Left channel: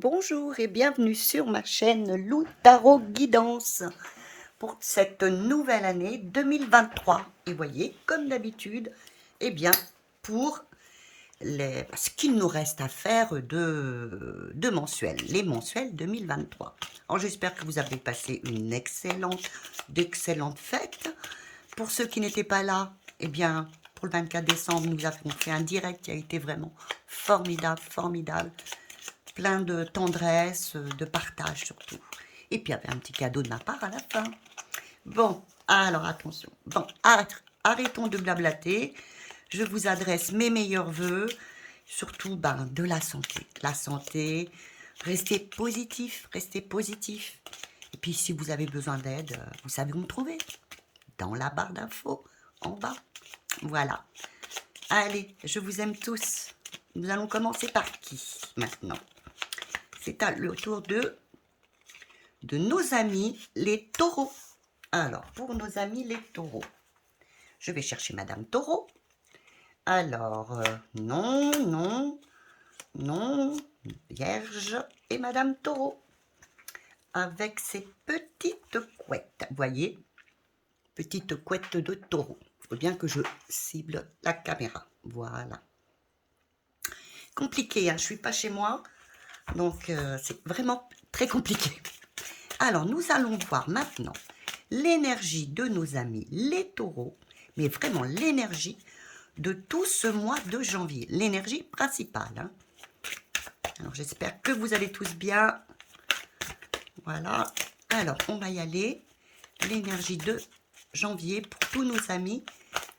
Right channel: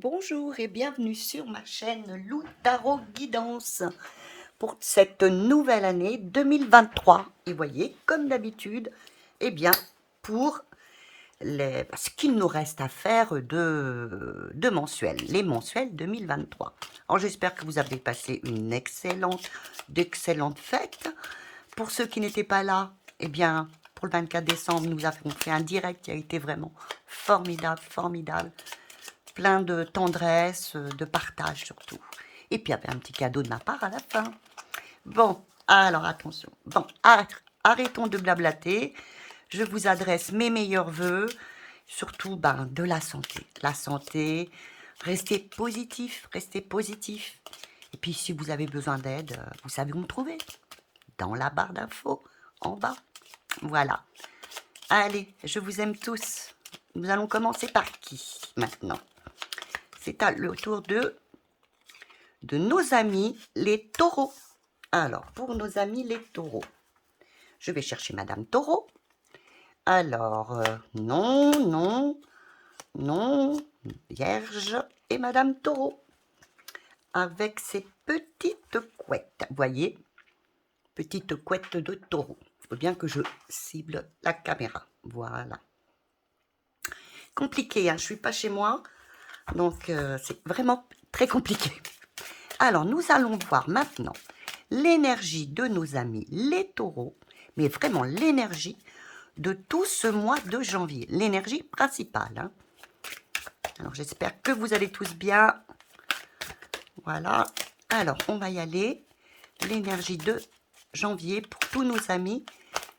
Bonjour et bienvenue sur ma chaîne Lou Tarot Guidance pour cette nouvelle année 2023. Et voyez, comme d'habitude, eh bien, pour ce qu'il nous reste à faire de mensuels, les mensuels 2023. Alors j'espère que vous avez passé d'excellentes fêtes. Pour ceux qui n'étaient pas là, eh bien, pour le 24 décembre, nous avons fait un direct qui a été vraiment formidable, formidable. Plein de tendresse, de partage surtout. Et puis, il y avait un petit cadeau de ma part à la fin. Bon, alors attention. Bon, arrêtons de blablater. Je vous adresse mes meilleurs voeux, surtout de la santé. La santé, restez positif, restez positif. Et puis, si vous avez besoin d'aide, vous savez où me trouver. Dans la barre d'infos, en bas. Voilà. Allez, je vous aime tous. Nous allons commencer par qui maintenant? C'est le tour de nos amis les taureaux. Alors, pour nos amis les taureaux, je vais chercher Madame Taureau. Alors, non, non, non, Vierge et Madame Taureau. Avec ses petites couettes. Vous voyez, petites couettes de taureau. Il faut bien que je cible la caméra. Voilà. Compliqué, hein, je ne suis pas chez moi. Donc, c'est vraiment très compliqué. Alors, nous allons voir maintenant l'énergie de nos amis les taureaux, mais vraiment l'énergie de tout ce mois de janvier, l'énergie principale. Hein. Alors, j'espère que vous allez tous bien. Voilà. Alors, on va y aller. L'énergie de janvier pour tous nos amis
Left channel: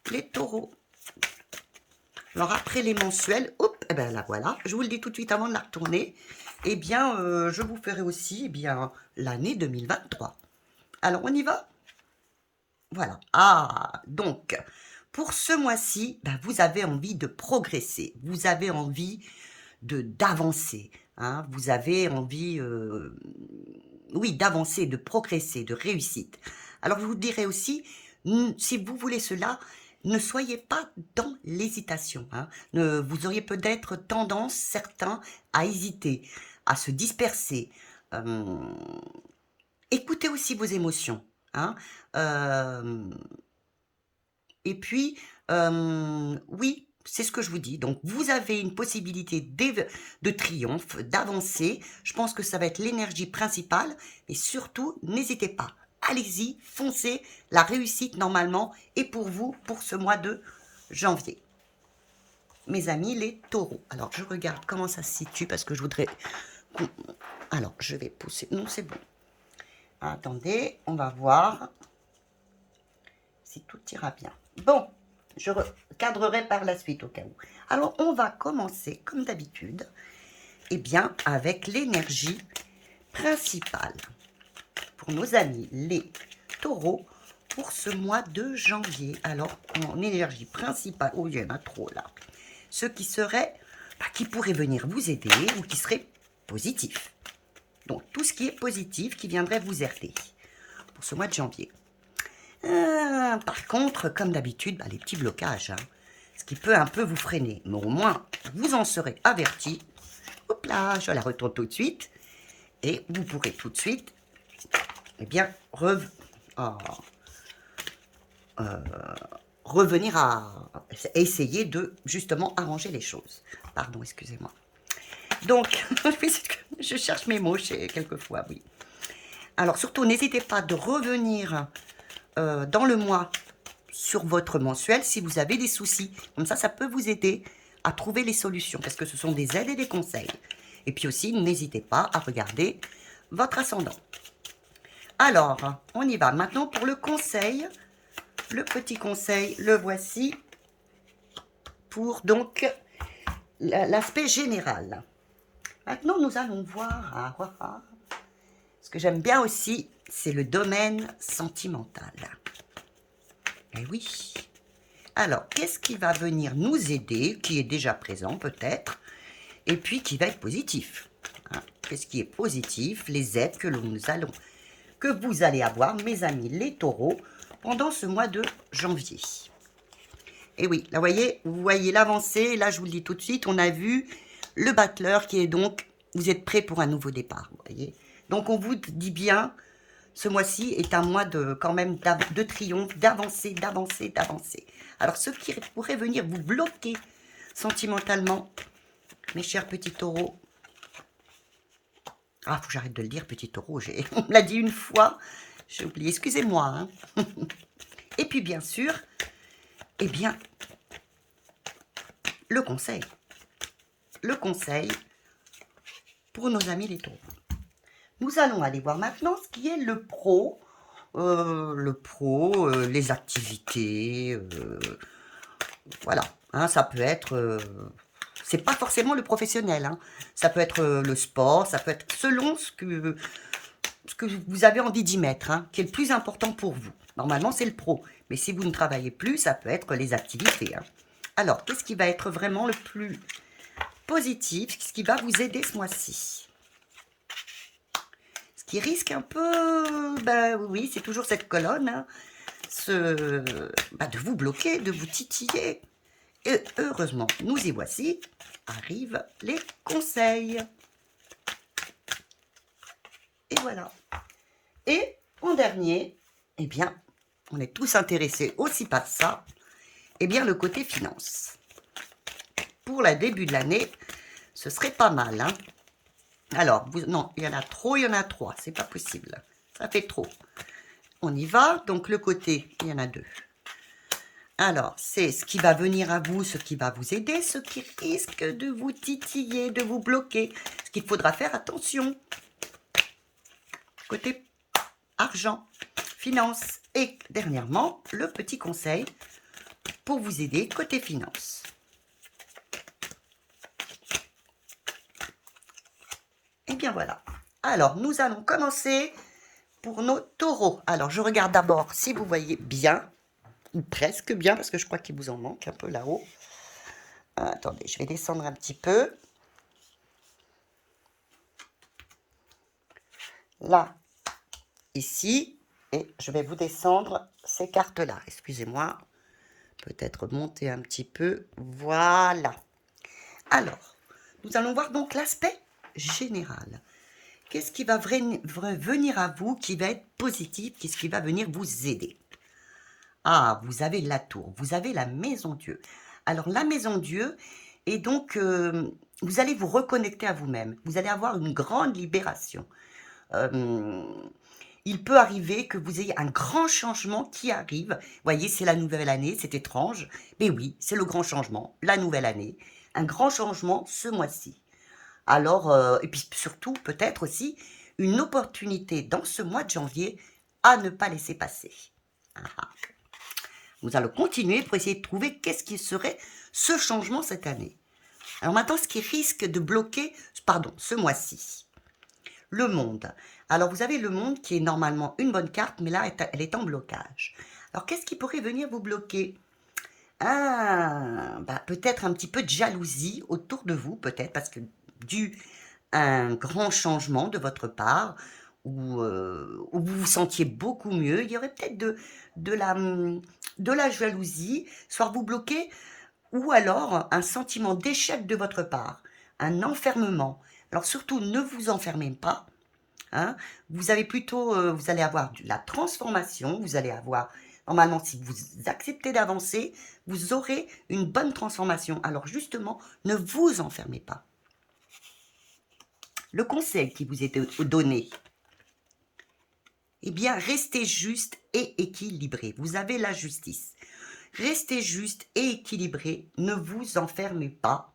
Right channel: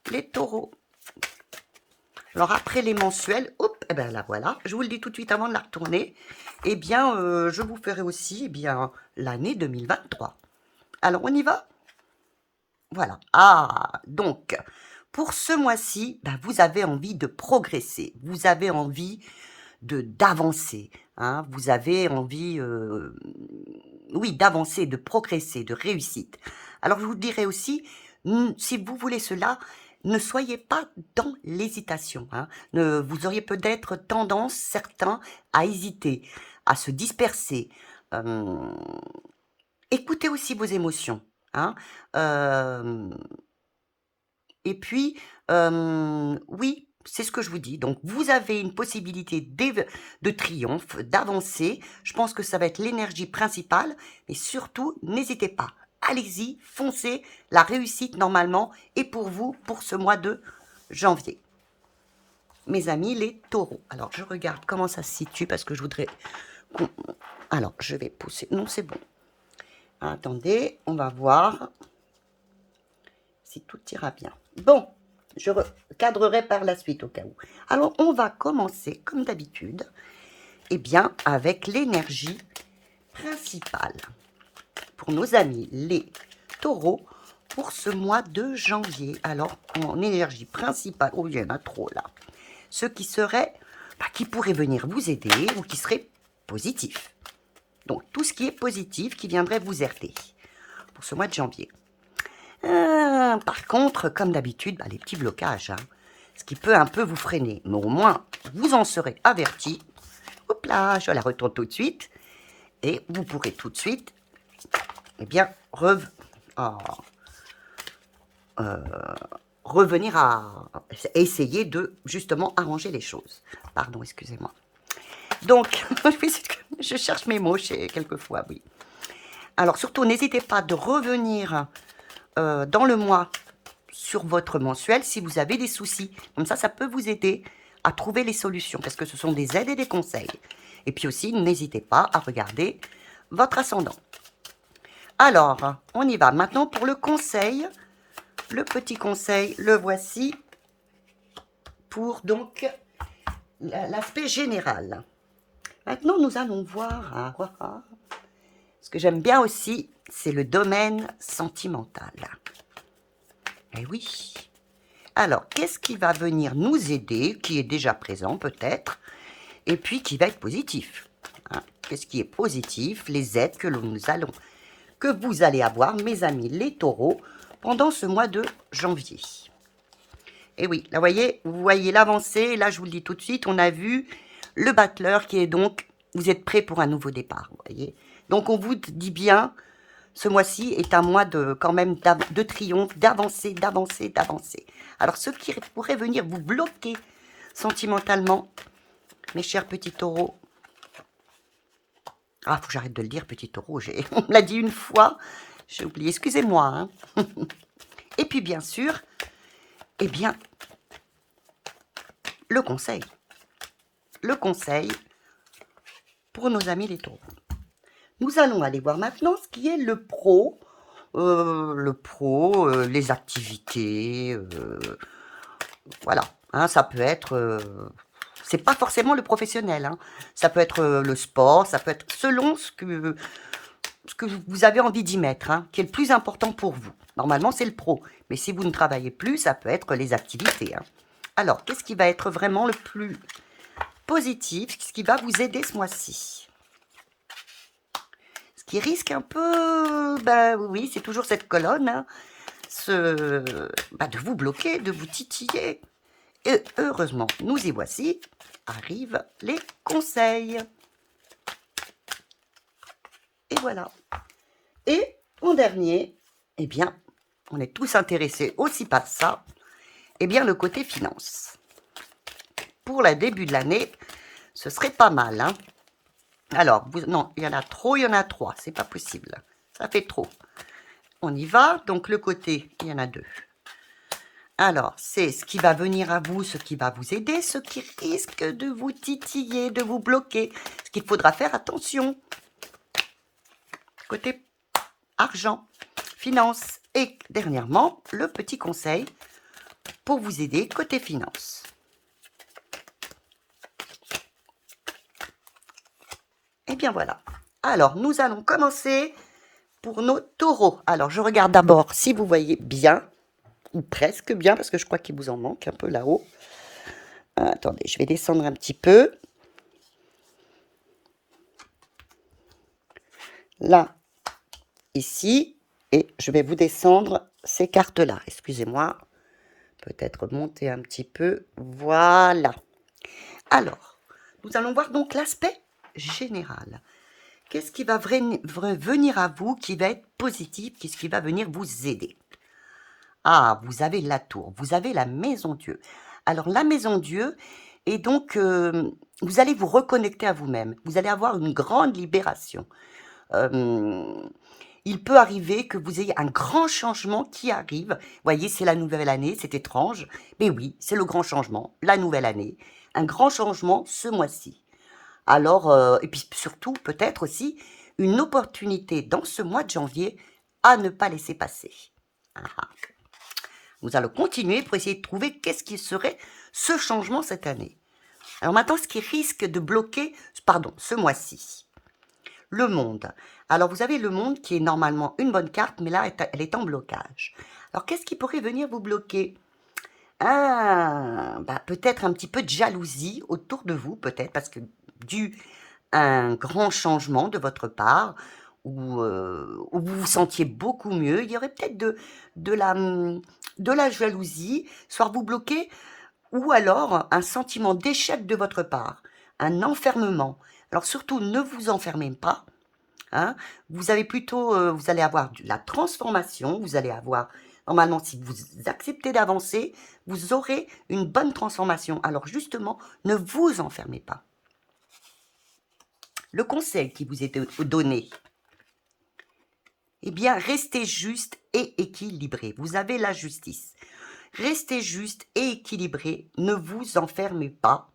les taureaux. Alors, après les mensuels, hop, et ben là, voilà. Je vous le dis tout de suite avant de la retourner. Eh bien, je vous ferai aussi l'année 2023. Alors, on y va? Voilà. Ah, donc, pour ce mois-ci, vous avez envie de progresser. Vous avez envie d'avancer. Hein, vous avez envie, oui, d'avancer, de progresser, de réussite. Alors, je vous dirais aussi, si vous voulez cela, ne soyez pas dans l'hésitation. Hein. Vous auriez peut-être tendance, certains, à hésiter, à se disperser. Écoutez aussi vos émotions. Hein. Et puis, oui, c'est ce que je vous dis. Donc, vous avez une possibilité de triomphe, d'avancer. Je pense que ça va être l'énergie principale. Et surtout, n'hésitez pas. Allez-y, foncez. La réussite, normalement, est pour vous pour ce mois de janvier. Mes amis, les taureaux. Alors, je regarde comment ça se situe parce que je voudrais... Alors, je vais pousser. Non, c'est bon. Attendez, on va voir si tout ira bien. Bon, je recadrerai par la suite au cas où. Alors, on va commencer, comme d'habitude, avec l'énergie principale pour nos amis les taureaux pour ce mois de janvier. Alors, en énergie principale, oh, il y en a trop là. Ce qui serait, qui pourrait venir vous aider ou qui serait positif. Donc, tout ce qui est positif qui viendrait vous aider pour ce mois de janvier. Par contre, comme d'habitude, les petits blocages, hein, ce qui peut un peu vous freiner. Mais au moins, vous en serez averti. Hop là, je la retourne tout de suite. Et vous pourrez tout de suite, revenir à essayer de, justement, arranger les choses. Pardon, excusez-moi. Donc, je cherche mes mots quelquefois, oui. Alors, surtout, n'hésitez pas de revenir dans le mois sur votre mensuel si vous avez des soucis. Comme ça peut vous aider à trouver les solutions parce que ce sont des aides et des conseils. Et puis aussi, n'hésitez pas à regarder votre ascendant. Alors, on y va. Maintenant, pour le conseil, le petit conseil, le voici pour donc l'aspect général. Maintenant, nous allons voir. Ce que j'aime bien aussi, c'est le domaine sentimental. Eh oui. Alors, qu'est-ce qui va venir nous aider, qui est déjà présent peut-être, et puis qui va être positif, hein? Qu'est-ce qui est positif, les aides que vous allez avoir, mes amis les taureaux, pendant ce mois de janvier. Et oui, là, vous voyez l'avancée, là, je vous le dis tout de suite, on a vu le battleur qui est donc vous êtes prêt pour un nouveau départ, vous voyez. Donc on vous dit bien, ce mois-ci est un mois de quand même de triomphe, d'avancer, d'avancer, d'avancer. Alors ce qui pourrait venir vous bloquer sentimentalement, mes chers petits taureaux. Ah, faut que j'arrête de le dire, petit taureau. On me l'a dit une fois, j'ai oublié, excusez-moi. Hein. Et puis bien sûr, eh bien, le conseil. Le conseil pour nos amis les taureaux. Nous allons aller voir maintenant ce qui est le pro. Les activités, voilà. Hein, ça peut être... c'est pas forcément le professionnel. Hein. Ça peut être le sport, ça peut être selon ce que vous avez envie d'y mettre, hein, qui est le plus important pour vous. Normalement, c'est le pro. Mais si vous ne travaillez plus, ça peut être les activités. Hein. Alors, qu'est-ce qui va être vraiment le plus positif, ce qui va vous aider ce mois-ci? Ce qui risque un peu, ben oui, c'est toujours cette colonne, hein, de vous bloquer, de vous titiller. Et heureusement, nous y voici, arrivent les conseils. Et voilà. Et en dernier, eh bien, on est tous intéressés aussi par ça, eh bien, le côté finance. Pour le début de l'année, ce serait pas mal, hein. Alors, non, il y en a trop, il y en a 3, c'est pas possible. Ça fait trop. On y va, donc le côté, il y en a 2. Alors, c'est ce qui va venir à vous, ce qui va vous aider, ce qui risque de vous titiller, de vous bloquer. Ce qu'il faudra faire attention. Côté argent, finance. Et dernièrement, le petit conseil pour vous aider côté finance. Et bien voilà. Alors, nous allons commencer pour nos taureaux. Alors, je regarde d'abord si vous voyez bien, ou presque bien, parce que je crois qu'il vous en manque un peu là-haut. Attendez, je vais descendre un petit peu. Là, ici, et je vais vous descendre ces cartes-là. Excusez-moi, peut-être monter un petit peu. Voilà. Alors, nous allons voir donc l'aspect général. Qu'est-ce qui va venir à vous qui va être positif? Qu'est-ce qui va venir vous aider? Ah, vous avez la tour, vous avez la maison Dieu. Alors, la maison Dieu, et donc, vous allez vous reconnecter à vous-même. Vous allez avoir une grande libération. Il peut arriver que vous ayez un grand changement qui arrive. Vous voyez, c'est la nouvelle année, c'est étrange. Mais oui, c'est le grand changement, la nouvelle année. Un grand changement ce mois-ci. Alors, et puis surtout, peut-être aussi, une opportunité dans ce mois de janvier à ne pas laisser passer. Ah, ah. Nous allons continuer pour essayer de trouver qu'est-ce qui serait ce changement cette année. Alors maintenant, ce qui risque de bloquer, pardon, ce mois-ci, le monde. Alors vous avez le monde qui est normalement une bonne carte, mais là, elle est en blocage. Alors qu'est-ce qui pourrait venir vous bloquer? Peut-être un petit peu de jalousie autour de vous, peut-être, parce que dû à un grand changement de votre part, où vous vous sentiez beaucoup mieux, il y aurait peut-être de la jalousie, soit vous bloquer, ou alors un sentiment d'échec de votre part, un enfermement. Alors surtout, ne vous enfermez pas. Hein. Vous avez plutôt, vous allez avoir de la transformation, vous allez avoir, normalement, si vous acceptez d'avancer, vous aurez une bonne transformation. Alors justement, ne vous enfermez pas. Le conseil qui vous est donné, eh bien, restez juste et équilibré. Vous avez la justice. Restez juste et équilibré. Ne vous enfermez pas.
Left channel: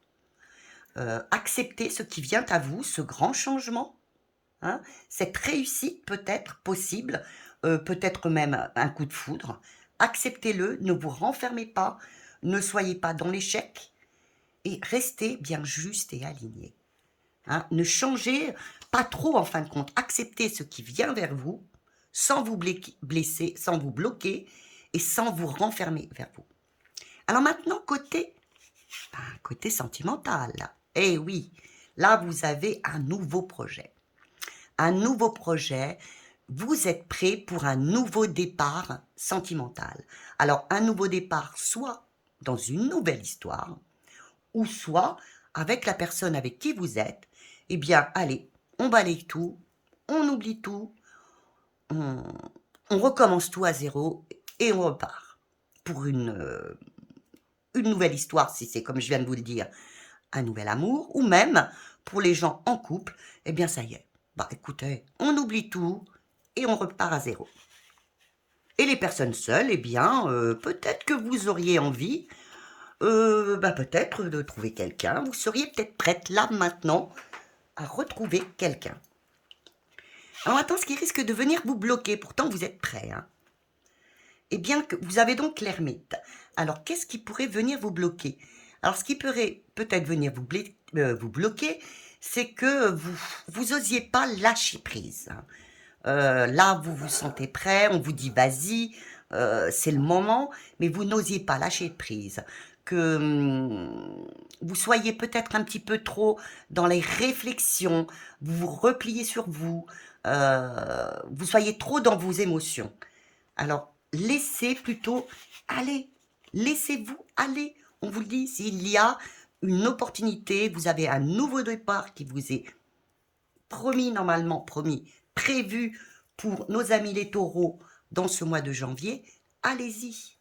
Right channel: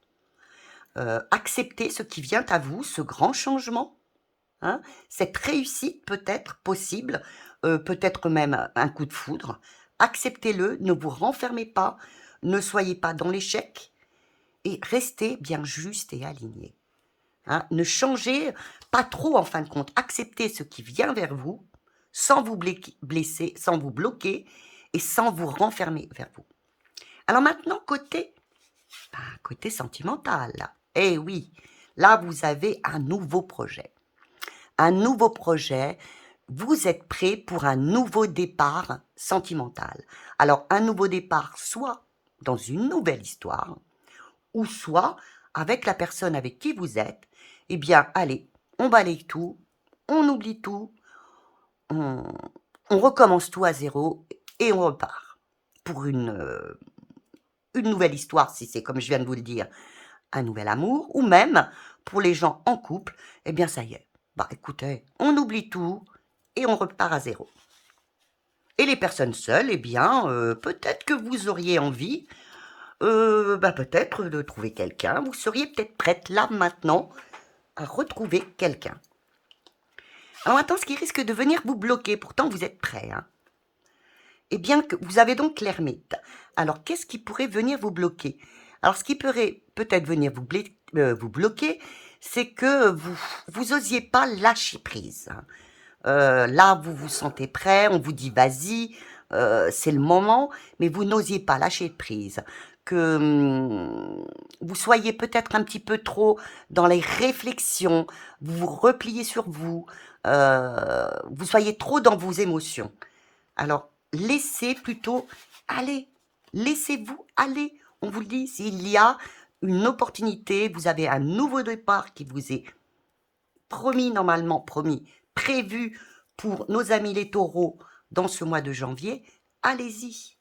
Acceptez ce qui vient à vous, ce grand changement. Hein, cette réussite peut être possible, peut-être même un coup de foudre. Acceptez-le, ne vous renfermez pas, ne soyez pas dans l'échec et restez bien juste et aligné. Hein, ne changez pas trop en fin de compte. Acceptez ce qui vient vers vous sans vous blesser, sans vous bloquer et sans vous renfermer vers vous. Alors maintenant, côté sentimental. Eh oui, là, vous avez un nouveau projet. Un nouveau projet, vous êtes prêt pour un nouveau départ sentimental. Alors, un nouveau départ, soit dans une nouvelle histoire, ou soit avec la personne avec qui vous êtes, eh bien, allez, on balaye tout, on oublie tout, on, on recommence tout à zéro et on repart pour une nouvelle histoire, si c'est comme je viens de vous le dire, un nouvel amour, ou même pour les gens en couple, eh bien, ça y est. Bah, écoutez, on oublie tout et on repart à zéro. Et les personnes seules, eh bien, peut-être que vous auriez envie, peut-être de trouver quelqu'un. Vous seriez peut-être prête là maintenant à retrouver quelqu'un. Alors maintenant, ce qui risque de venir vous bloquer, pourtant vous êtes prêt, hein. Eh bien, que vous avez donc l'ermite. Alors, qu'est-ce qui pourrait venir vous bloquer? Alors, ce qui pourrait peut-être venir vous bloquer, c'est que vous osiez pas lâcher prise, hein. Là, vous vous sentez prêt, on vous dit: «Vas-y, c'est le moment», mais vous n'osiez pas lâcher prise. Que, vous soyez peut-être un petit peu trop dans les réflexions, vous vous repliez sur vous, vous soyez trop dans vos émotions. Alors, laissez plutôt aller, laissez-vous aller. On vous le dit, s'il y a une opportunité, vous avez un nouveau départ qui vous est promis normalement, promis, prévu pour nos amis les taureaux dans ce mois de janvier, allez-y.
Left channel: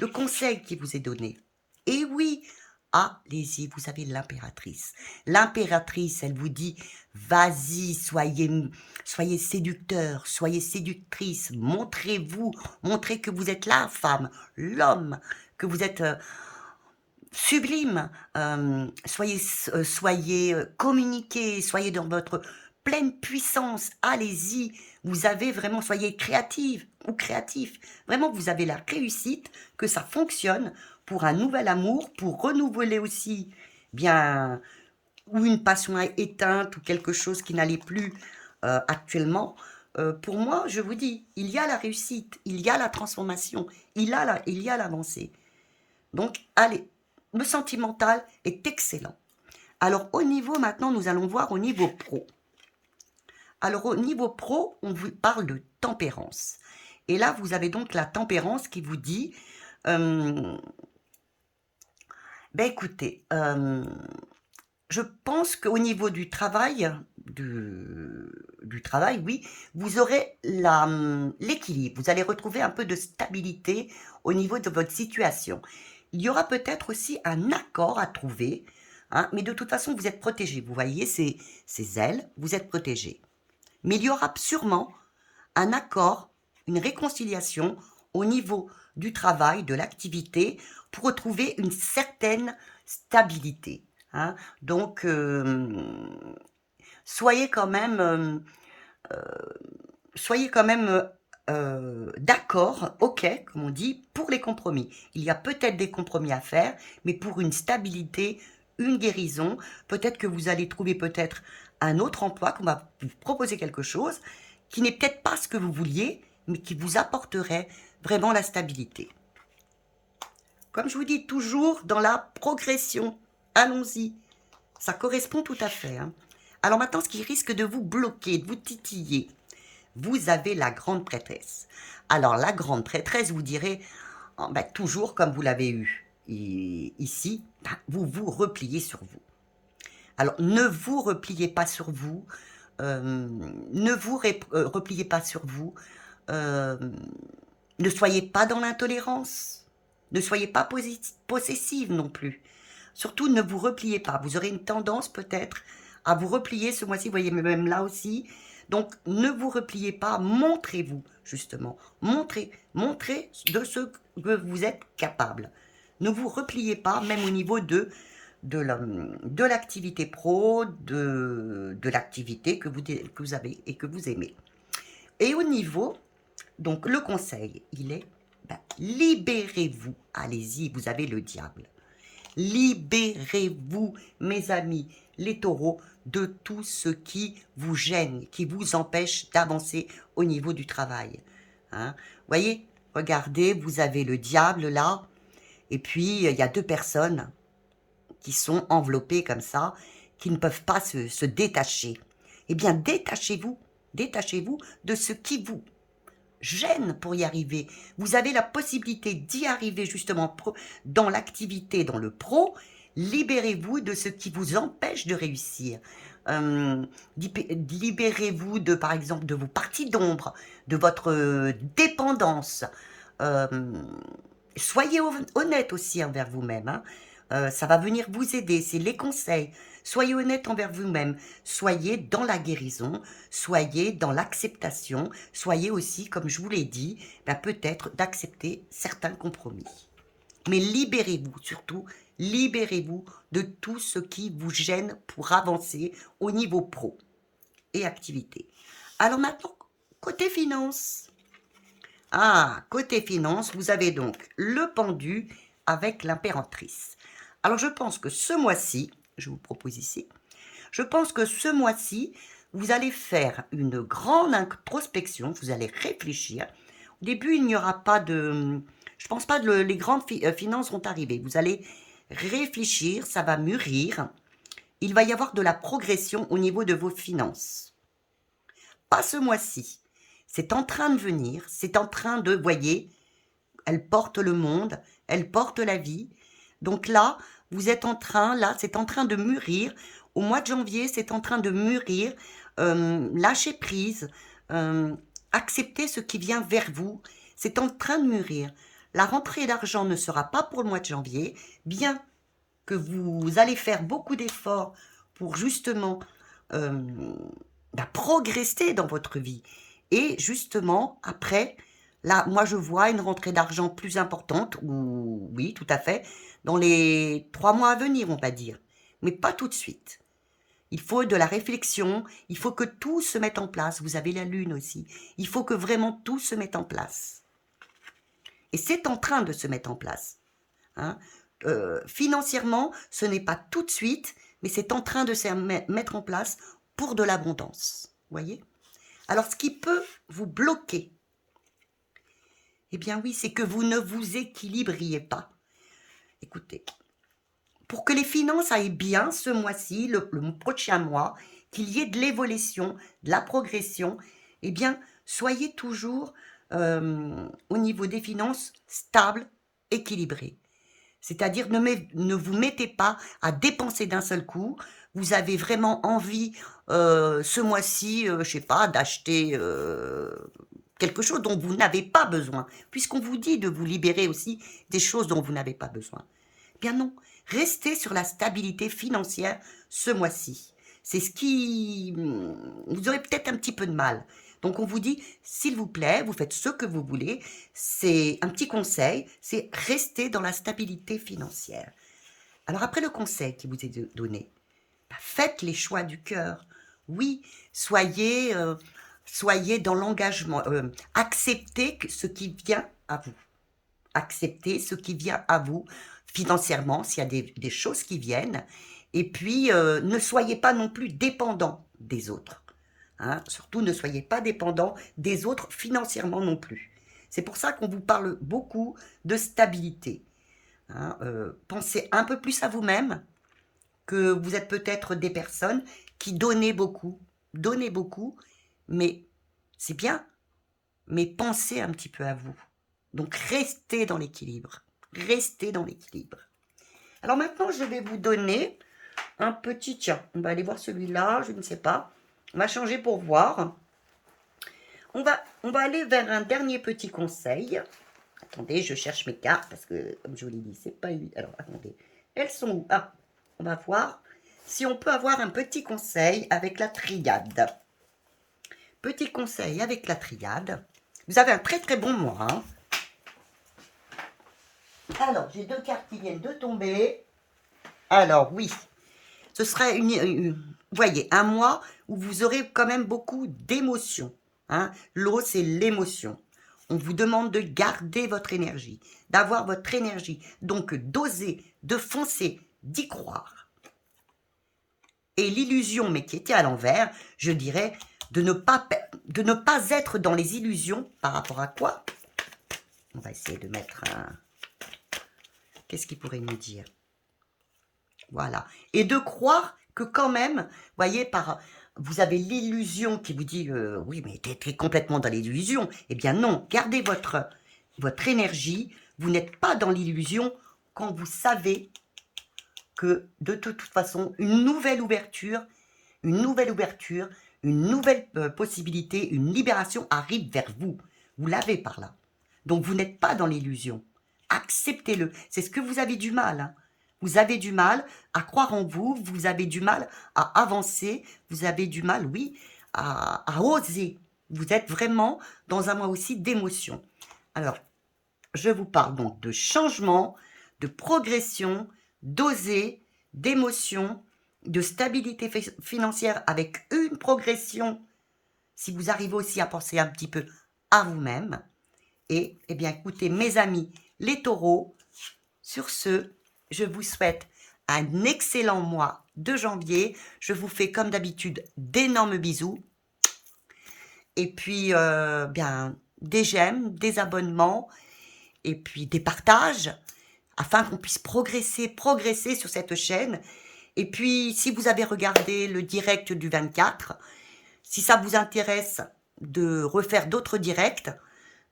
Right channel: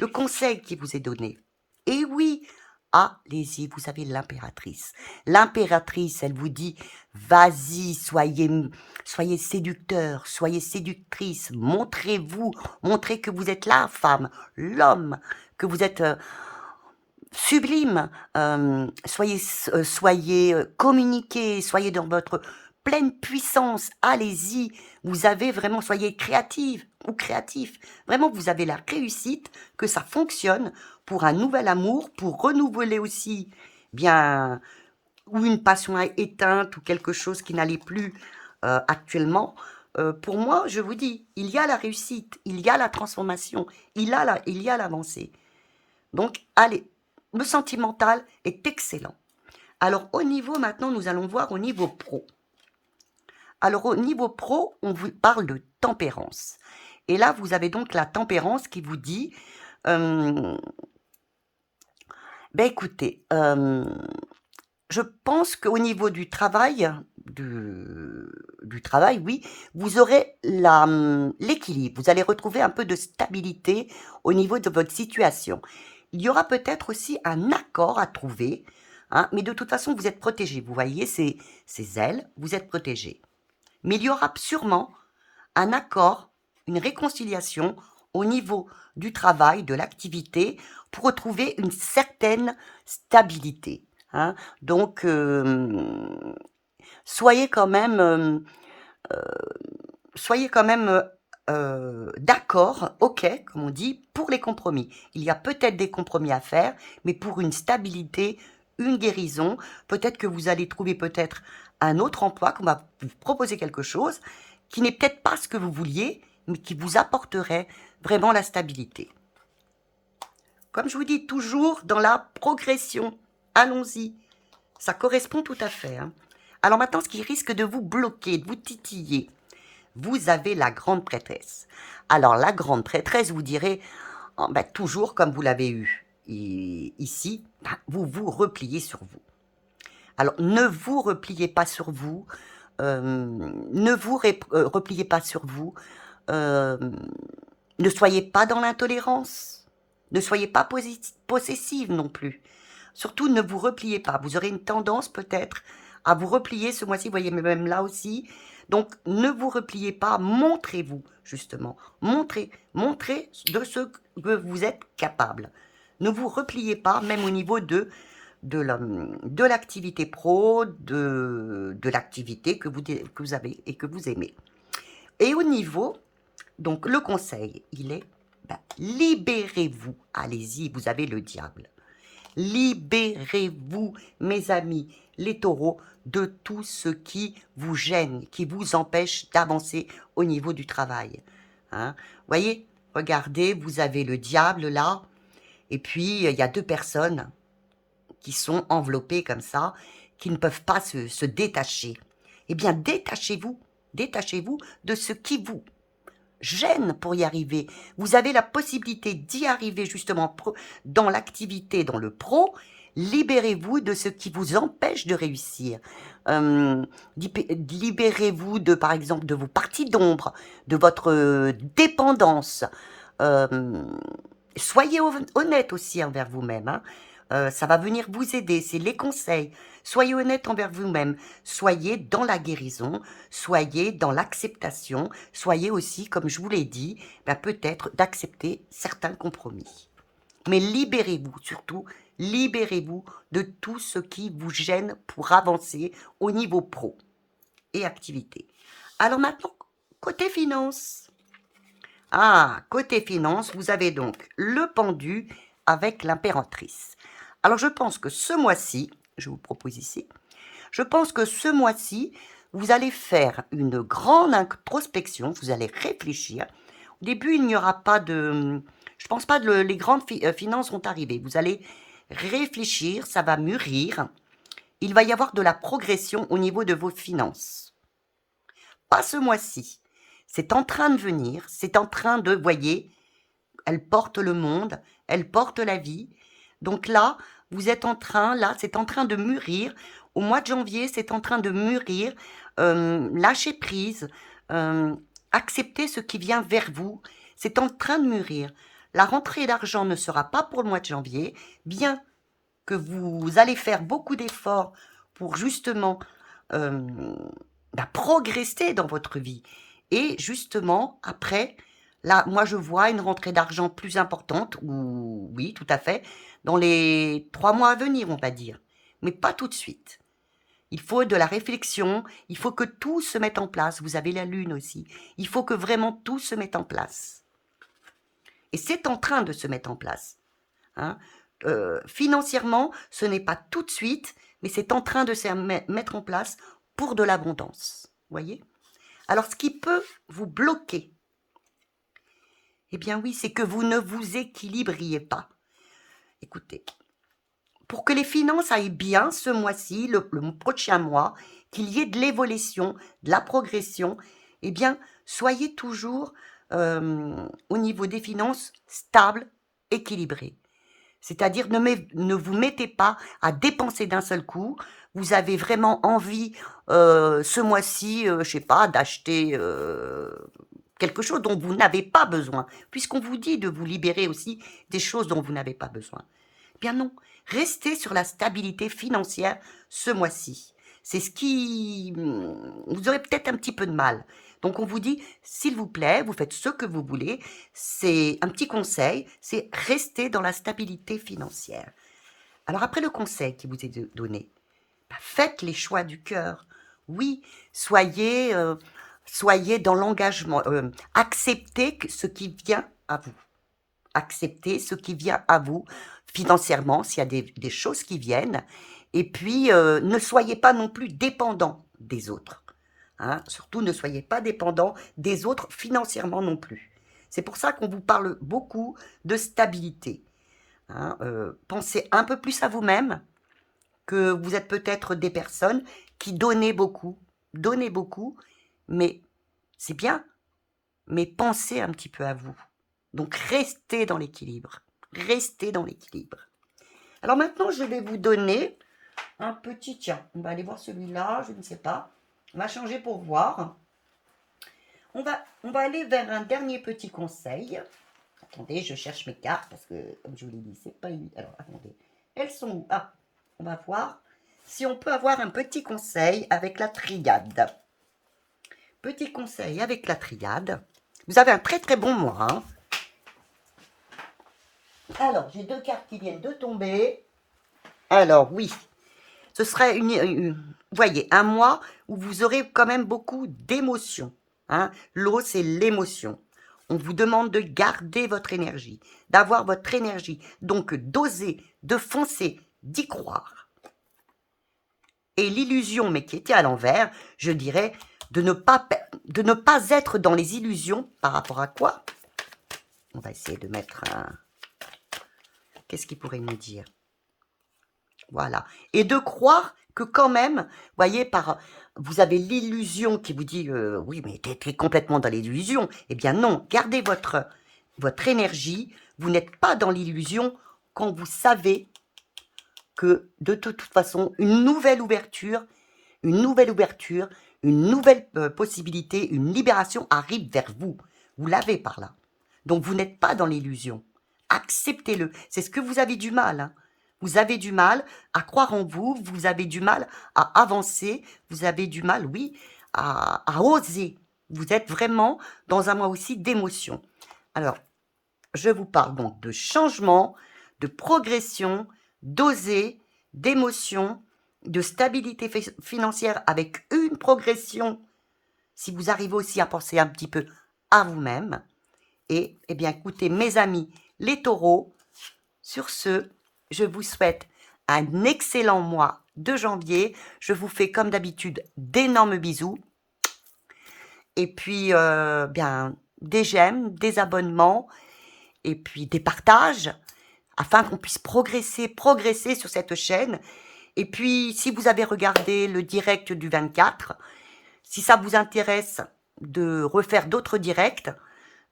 Le conseil qui vous est donné. Et oui, allez-y, vous avez l'impératrice. L'impératrice, elle vous dit, vas-y, soyez séducteur, soyez séductrice, montrez-vous, montrez que vous êtes la femme, l'homme, que vous êtes sublime, soyez, communiquez, soyez dans votre pleine puissance, allez-y, vous avez vraiment soyez créative ou créatif. Vraiment, vous avez la réussite, que ça fonctionne pour un nouvel amour, pour renouveler aussi, bien, ou une passion éteinte ou quelque chose qui n'allait plus, actuellement. Pour moi, je vous dis, il y a la réussite, il y a la transformation, il y a l'avancée. Donc, allez, le sentimental est excellent. Alors, au niveau, maintenant, nous allons voir au niveau pro. Alors, au niveau pro, on vous parle de tempérance. Et là, vous avez donc la tempérance qui vous dit, euh, ben écoutez, je pense qu'au niveau du travail, du travail, oui, vous aurez l'équilibre. Vous allez retrouver un peu de stabilité au niveau de votre situation. Il y aura peut-être aussi un accord à trouver, hein, mais de toute façon, vous êtes protégé. Vous voyez ces ailes, vous êtes protégé. Mais il y aura sûrement un accord, une réconciliation au niveau du travail, de l'activité, pour retrouver une certaine stabilité, hein. Donc, soyez quand même, d'accord, OK, comme on dit, pour les compromis. Il y a peut-être des compromis à faire, mais pour une stabilité, une guérison, peut-être que vous allez trouver peut-être un autre emploi, qu'on va vous proposer quelque chose qui n'est peut-être pas ce que vous vouliez, mais qui vous apporterait vraiment la stabilité. Comme je vous dis, toujours dans la progression. Allons-y. Ça correspond tout à fait, hein. Alors maintenant, ce qui risque de vous bloquer, de vous titiller, vous avez la grande prêtresse. Alors la grande prêtresse, vous direz, oh, ben, toujours comme vous l'avez eu ici, ben, vous vous repliez sur vous. Alors ne vous repliez pas sur vous, ne vous repliez pas sur vous, euh, ne soyez pas dans l'intolérance, ne soyez pas possessive non plus. Surtout, ne vous repliez pas. Vous aurez une tendance peut-être à vous replier ce mois-ci, vous voyez, mais même là aussi. Donc, ne vous repliez pas, montrez-vous, justement. Montrez de ce que vous êtes capable. Ne vous repliez pas, même au niveau de l'activité pro, de l'activité que vous avez et que vous aimez. Et au niveau, donc le conseil, il est, libérez-vous. Allez-y, vous avez le diable. Libérez-vous, mes amis, les taureaux, de tout ce qui vous gêne, qui vous empêche d'avancer au niveau du travail, hein. Voyez, regardez, vous avez le diable là, et puis il y a deux personnes qui sont enveloppées comme ça, qui ne peuvent pas se détacher. Eh bien, détachez-vous de ce qui vous gêne pour y arriver. Vous avez la possibilité d'y arriver justement dans l'activité, dans le pro. Libérez-vous de ce qui vous empêche de réussir. Libérez-vous de, par exemple, de vos parties d'ombre, de votre dépendance. Euh, Soyez honnête aussi envers vous-même, hein. Ça va venir vous aider, c'est les conseils. Soyez honnête envers vous-même. Soyez dans la guérison, soyez dans l'acceptation, soyez aussi, comme je vous l'ai dit, ben, peut-être d'accepter certains compromis. Mais libérez-vous, surtout, libérez-vous de tout ce qui vous gêne pour avancer au niveau pro et activité. Alors maintenant, côté finance. Ah, côté finance, vous avez donc le pendu avec l'impératrice. Alors je pense que ce mois-ci, je vous propose ici, je pense que ce mois-ci, vous allez faire une grande introspection, vous allez réfléchir. Au début, il n'y aura pas de... Je pense pas que les grandes finances vont arriver. Vous allez réfléchir, ça va mûrir. Il va y avoir de la progression au niveau de vos finances. Pas ce mois-ci. C'est en train de venir, c'est en train de, voyez, elle porte le monde, elle porte la vie. Donc là, vous êtes en train, là, c'est en train de mûrir. Au mois de janvier, c'est en train de mûrir. Lâchez prise, acceptez ce qui vient vers vous. C'est en train de mûrir. La rentrée d'argent ne sera pas pour le mois de janvier, bien que vous allez faire beaucoup d'efforts pour justement progresser dans votre vie. Et justement, après, là, moi, je vois une rentrée d'argent plus importante, ou oui, tout à fait, dans les 3 mois à venir, on va dire. Mais pas tout de suite. Il faut de la réflexion, il faut que tout se mette en place. Vous avez la lune aussi. Il faut que vraiment tout se mette en place. Et c'est en train de se mettre en place. Hein. Financièrement, ce n'est pas tout de suite, mais c'est en train de se mettre en place pour de l'abondance. Voyez? Alors, ce qui peut vous bloquer, eh bien oui, c'est que vous ne vous équilibriez pas. Écoutez, pour que les finances aillent bien ce mois-ci, le prochain mois, qu'il y ait de l'évolution, de la progression, eh bien, soyez toujours au niveau des finances stable, équilibré. C'est-à-dire, ne vous mettez pas à dépenser d'un seul coup. Vous avez vraiment envie, ce mois-ci, je sais pas, d'acheter quelque chose dont vous n'avez pas besoin, puisqu'on vous dit de vous libérer aussi des choses dont vous n'avez pas besoin. Eh bien non, restez sur la stabilité financière ce mois-ci. C'est ce qui... Vous aurez peut-être un petit peu de mal. Donc on vous dit, s'il vous plaît, vous faites ce que vous voulez. C'est un petit conseil, c'est rester dans la stabilité financière. Alors après le conseil qui vous est donné, faites les choix du cœur. Oui, soyez dans l'engagement. Acceptez ce qui vient à vous. Acceptez ce qui vient à vous financièrement, s'il y a des choses qui viennent. Et puis, ne soyez pas non plus dépendant des autres. Hein. Surtout, ne soyez pas dépendant des autres financièrement non plus. C'est pour ça qu'on vous parle beaucoup de stabilité. Hein. Pensez un peu plus à vous-même, que vous êtes peut-être des personnes qui donnez beaucoup, mais c'est bien, mais pensez un petit peu à vous. Donc, restez dans l'équilibre. Restez dans l'équilibre. Alors maintenant, je vais vous donner un petit... Tiens, on va aller voir celui-là, je ne sais pas. On va changer pour voir. On va aller vers un dernier petit conseil. Attendez, je cherche mes cartes parce que, comme je vous l'ai dit, c'est pas évident. Alors, attendez. Elles sont où? Ah, on va voir si on peut avoir un petit conseil avec la triade. Petit conseil avec la triade. Vous avez un très très bon mois. Hein. Alors, j'ai 2 cartes qui viennent de tomber. Alors, oui. Ce serait, vous voyez, un mois où vous aurez quand même beaucoup d'émotions. Hein. L'eau, c'est l'émotion. On vous demande de garder votre énergie, d'avoir votre énergie. Donc, d'oser, de foncer, d'y croire. Et l'illusion, mais qui était à l'envers, je dirais, de ne pas être dans les illusions par rapport à quoi? On va essayer de mettre un... Qu'est-ce qu'il pourrait nous dire? Voilà. Et de croire que quand même, voyez, vous avez l'illusion qui vous dit, oui, mais tu es complètement dans l'illusion. Eh bien non, gardez votre énergie. Vous n'êtes pas dans l'illusion quand vous savez que de toute façon, une nouvelle ouverture une nouvelle ouverture, une nouvelle possibilité, une libération arrive vers vous. Vous l'avez par là. Donc vous n'êtes pas dans l'illusion. Acceptez-le. C'est ce que vous avez du mal. Hein. Vous avez du mal à croire en vous, vous avez du mal à avancer, vous avez du mal, oui, à oser. Vous êtes vraiment dans un mois aussi d'émotion. Alors, je vous parle donc de changement, de progression, d'oser, d'émotion, de stabilité financière avec une progression. Si vous arrivez aussi à penser un petit peu à vous-même. Et, eh bien, écoutez, mes amis, les taureaux, sur ce, je vous souhaite un excellent mois de janvier. Je vous fais, comme d'habitude, d'énormes bisous. Et puis, bien, des j'aime, des abonnements, et puis des partages, afin qu'on puisse progresser sur cette chaîne. Et puis, si vous avez regardé le direct du 24, si ça vous intéresse de refaire d'autres directs,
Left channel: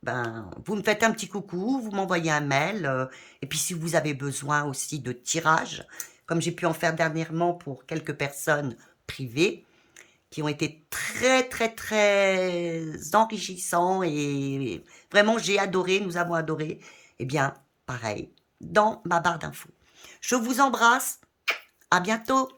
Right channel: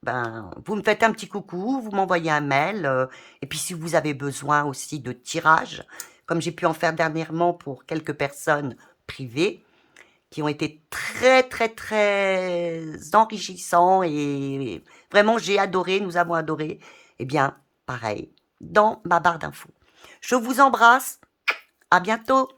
ben, vous me faites un petit coucou, vous m'envoyez un mail. Et puis, si vous avez besoin aussi de tirages, comme j'ai pu en faire dernièrement pour quelques personnes privées, qui ont été très, très, très enrichissants et vraiment, j'ai adoré, nous avons adoré. Eh bien, pareil, dans ma barre d'infos. Je vous embrasse. À bientôt.